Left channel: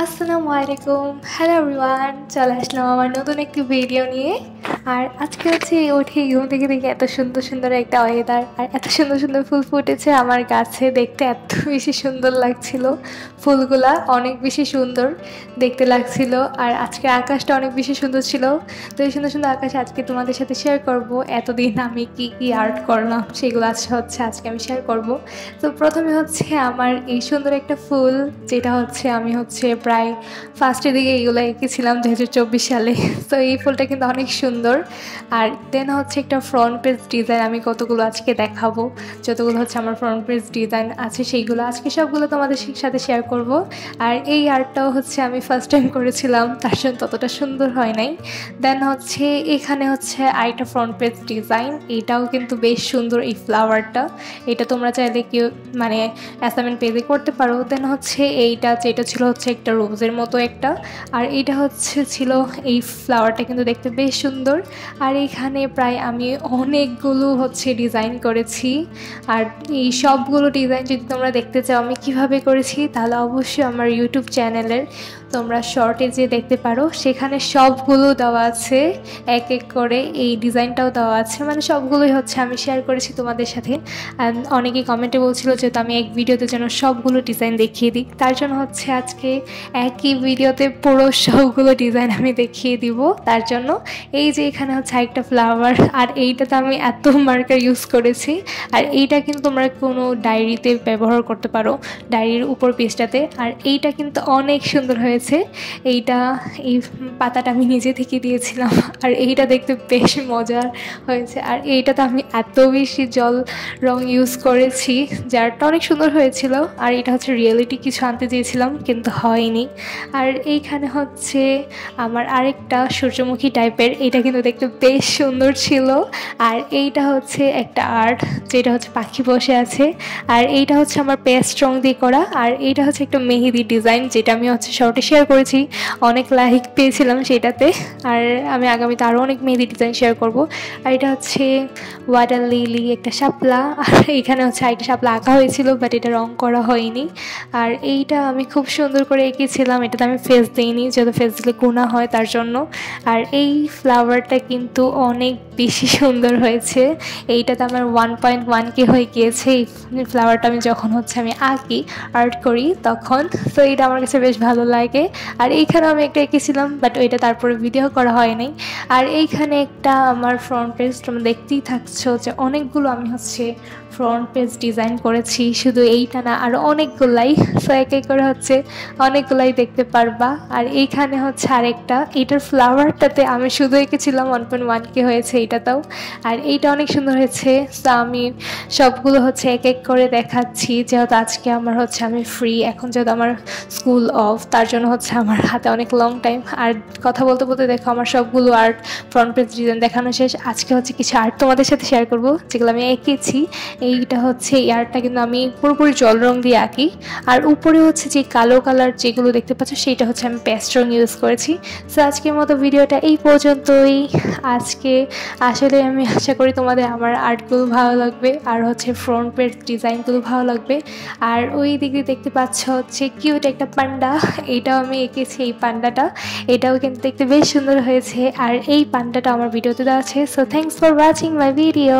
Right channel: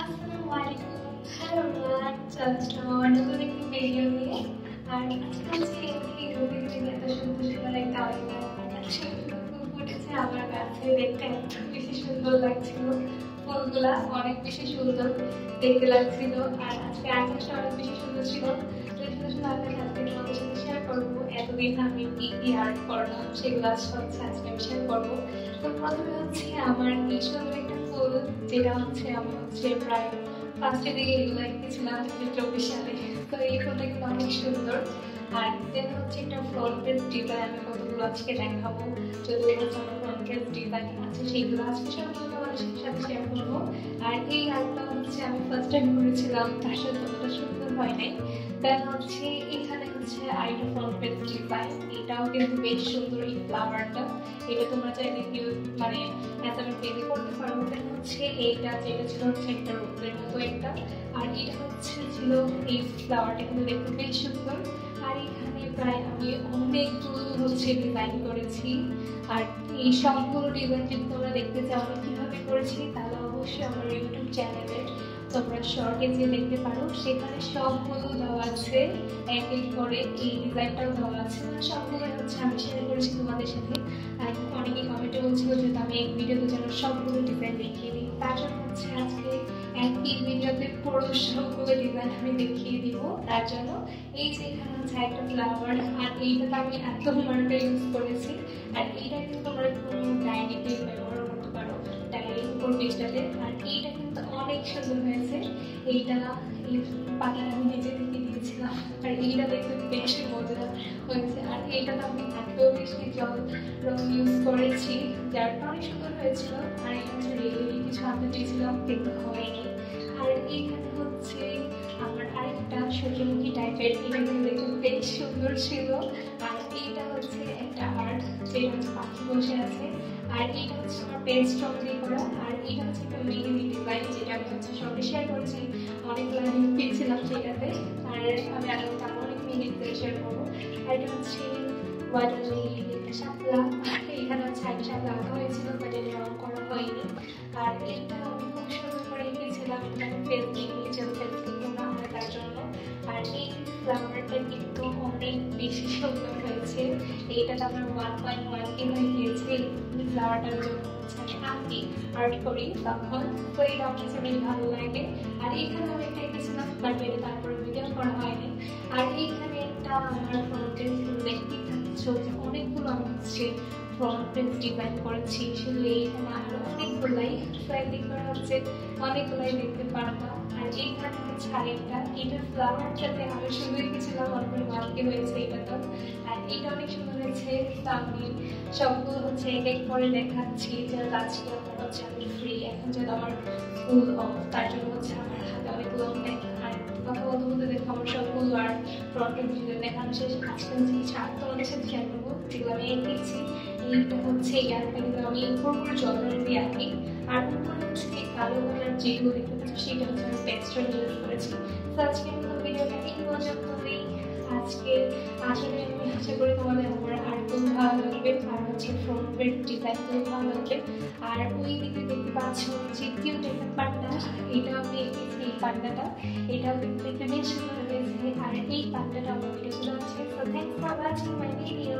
আসসালামু আলাইকুম। Hello everyone, চলে আসলাম আমার নতুন একটি ভিডিও নিয়ে। আর আজকে হচ্ছে উঠে ঘুম থেকে দেখে এত সুন্দর সুন্দর একটা ওয়েদার আর এত সুন্দর সুন্দর ফুল ফুটেছে আমার গাছে, দেখতে এত বেশি সুন্দর লাগছিল। ফুলগুলা অনেক বেশি সুন্দর দেখতে লাগছিল। আর আজকে আকাশটা অনেক বেশি সুন্দর ছিল। তো এই সুন্দর সুন্দর আকাশ আজকে তোমাদের সাথে শেয়ার করব। এতদিন আমি কি কি আর্ট করলাম সেগুলো আজকে আমি শেয়ার করব। তো প্রথমে হচ্ছে আমার এই সুন্দর একটা ফুল, যেটা হচ্ছে আমি প্রায় ফার্স্টের দিকে এগুলো এঁকেছিলাম 2024 সালে। তো এই ফুলটা কিন্তু অনেক সুন্দর। আর দেন হচ্ছে একটা ফ্রন্ট পেজ ডিজাইন আমি কতগুলো আজকে দেখাবো। যতগুলো হচ্ছে আমার ফ্রন্ট পেজ ডিজাইন আছে সেইগুলো আজকে সবগুলো তোমাদের সাথে শেয়ার করব। আর এই আর্টটাও হচ্ছে আমি ফার্স্ট টাইম করেছিলাম, তার জন্য ততটা সুন্দর হয় নাই। দেন হচ্ছে এখানে হচ্ছে আরেকটা ফ্রন্ট পেজ ডিজাইন, এটাও কিন্তু বেশ সুন্দর। এই ফ্লাওয়ারটা এটা তোমরা চাইলে কেউ মানে অ্যাসাইনমেন্ট পেজে করতে পারো। দেন হচ্ছে এইটা যেটা ছিল হচ্ছে একটা রোজের মতো একটা, আর এইটা হচ্ছে ছিল এই ফ্লাওয়ারটা কিন্তু দেখতে বেশ সুন্দর। আর এখানে প্রায় আমি অনেকগুলো হচ্ছে ডিজাইন করেছি। আর এই সবগুলো ডিজাইন যদি তোমরা দেখতে চাও আমি কিভাবে করেছি, তাহলে অবশ্যই আমার ইউটিউব চ্যানেলের তোমরা শর্টে যে দেখতে পারো, সেখানে সবগুলো দেওয়া আছে এক এক করে। এই ডিজাইনটাও দেওয়া আছে, মানে সবগুলোই হচ্ছে আমি শেয়ার করেছি তোমাদের সাথে। অ্যান্ড অনেকে কমেন্টে বলছিল যে আমি এক ভিডিওতে যেন সবগুলো ডিজাইন দেখিয়ে দিই, তার জন্য হচ্ছে আজকে একই ভিডিওতে পুরো সবগুলো ডিজাইন আমি দেখিয়ে দিব। তার জন্য এই যে এখানে হচ্ছে একটা ফ্লাওয়ার, আর এইটাতে আমি এত মার্কার ইউজ করেছি। আর এইটা কিন্তু তোমরা কোনো ডায়েরিতে ব্যবহার করতে পারো, ডায়েরির উপর পেজটাতে। আর এইটা কিন্তু অনেক সুন্দর হয়েছে। এইটা এই পাতাটা আমি নিজে থেকে দিয়েছিলাম, আর এইটা দেখতে বেশ মজার হয়েছে। আর এইটাতে আমি এত বেশি জল রং ইউজ করেছি, যারটা অনেক সুন্দর হয়েছিল। আর এটা হচ্ছে রিয়েলিটি কিছু আনতে চেয়েছিলাম কিন্তু হয়নি। আর এইখানে হচ্ছে আমার আরেকটা সূর্যমুখী টাইপের, এটা কিন্তু দেখতে বেশ সুন্দর ছিল। আর এইটা হচ্ছে একটা আর্ট, যেটা হচ্ছে পাখি বসে আছে। আর এইটা হচ্ছে আমার পেস্ট রং দিয়ে করা। আর এইটা হচ্ছে একটা মেহেদি ডিজাইন, যেটা আমি হচ্ছে শর্টে শেয়ার করেছি, অনেক লাইক পেয়েছিলাম সেটাতে। আর আমি আগামীতে আরও অনেক মেহেদি ডিজাইন শেয়ার করব। আর এটা হচ্ছে ওয়াটার লিলি, একটা শাপলা। আর এখানে হচ্ছে একটা শাপলা আঁকা হয়েছিল, বাট এটা রং করা হয়নি। আর এইটা আমি খুব সুন্দর করে এঁকেছিলাম, এটাতে আমি ফেস দিইনি, যেহেতু ফেস দিলে গুণা হয় তার জন্য। আর এই ফ্লাওয়ারটা কিন্তু অনেক বেশি সুন্দর হয়েছে। এইটাতে আমার 1.1K হয়ে গিয়েছে এই ফ্লাওয়ারটা আমি যখন হচ্ছে আমি আঁকি, আর্ট করি তখন। তো এটা আমার কাছে বেশ ভালো লাগে। আর এইখানে আমি একটা এঁকেছিলাম, বাট ওইটা তারপরে ভিডিও করা হয়নি। আর এইখানে একটা আমার ফ্রন্ট পেজ তোমরা দেখতেই থাকছো যে অনেকগুলো আমি হচ্ছে ফ্রন্ট পেজ ডিজাইন করেছি, শুধু এইটা না আরও অনেকগুলাই। সো এক এক করে হচ্ছে অনেকগুলাই দেখতে পারবা। আর এইখানে হচ্ছে আরেকটা, এইটার ফ্লাওয়ারটাতে আমি শুধু এঁকেছিলাম 1.1K হয়েছে এইটাতেও। আর এইটা অনেক সুন্দর হয়েছে। সো আমি সবগুলো হচ্ছে এক এক করে দেখাচ্ছি, যেহেতু আজকে আমার হচ্ছে আমি ফ্রি এখন, যেহেতু আমার স্কুল অফ, তার জন্য হচ্ছে আমার হাতে অনেক লং টাইম। আর কথা বলতে বলতে দেখো আমার সবগুলো আর্ট ফ্রন্ট পেজ ডিজাইন দেখানো শেষ। আজকে হচ্ছে কিছু আর্ট তোমাদের সাথে শেয়ার করব যেগুলো আমি এঁকেছি। এইটা হচ্ছে এই আর্টটা কিন্তু আমি পুরোপুরি জল রং দিয়ে আঁকি। আর উপরে হচ্ছে যে কালো কালার যেগুলো দেখতে পাচ্ছ, সেইটা হচ্ছে আমি পেস্ট রং ইউজ করেছি। সো আজকের মতো ভিডিওটা এই পর্যন্তই। আজকে আসলে আমি আশা করি তোমাদের আমার আর্টগুলো ভালো লাগবে, আর হচ্ছে ফ্রন্ট পেজ ডিজাইনগুলো ভালো লাগবে। আর ওই দিকে দেখতে পাচ্ছ হচ্ছে কিউট একটা পান্ডা, এইটাও আমি এঁকেছি। এই পান্ডাটা এটাও কিন্তু দেখতে বেশ সুন্দর হয়েছে। আর এই পান্ডাটা আমার ভিডিওতে দেওয়া আছে। So thanks for watching my video.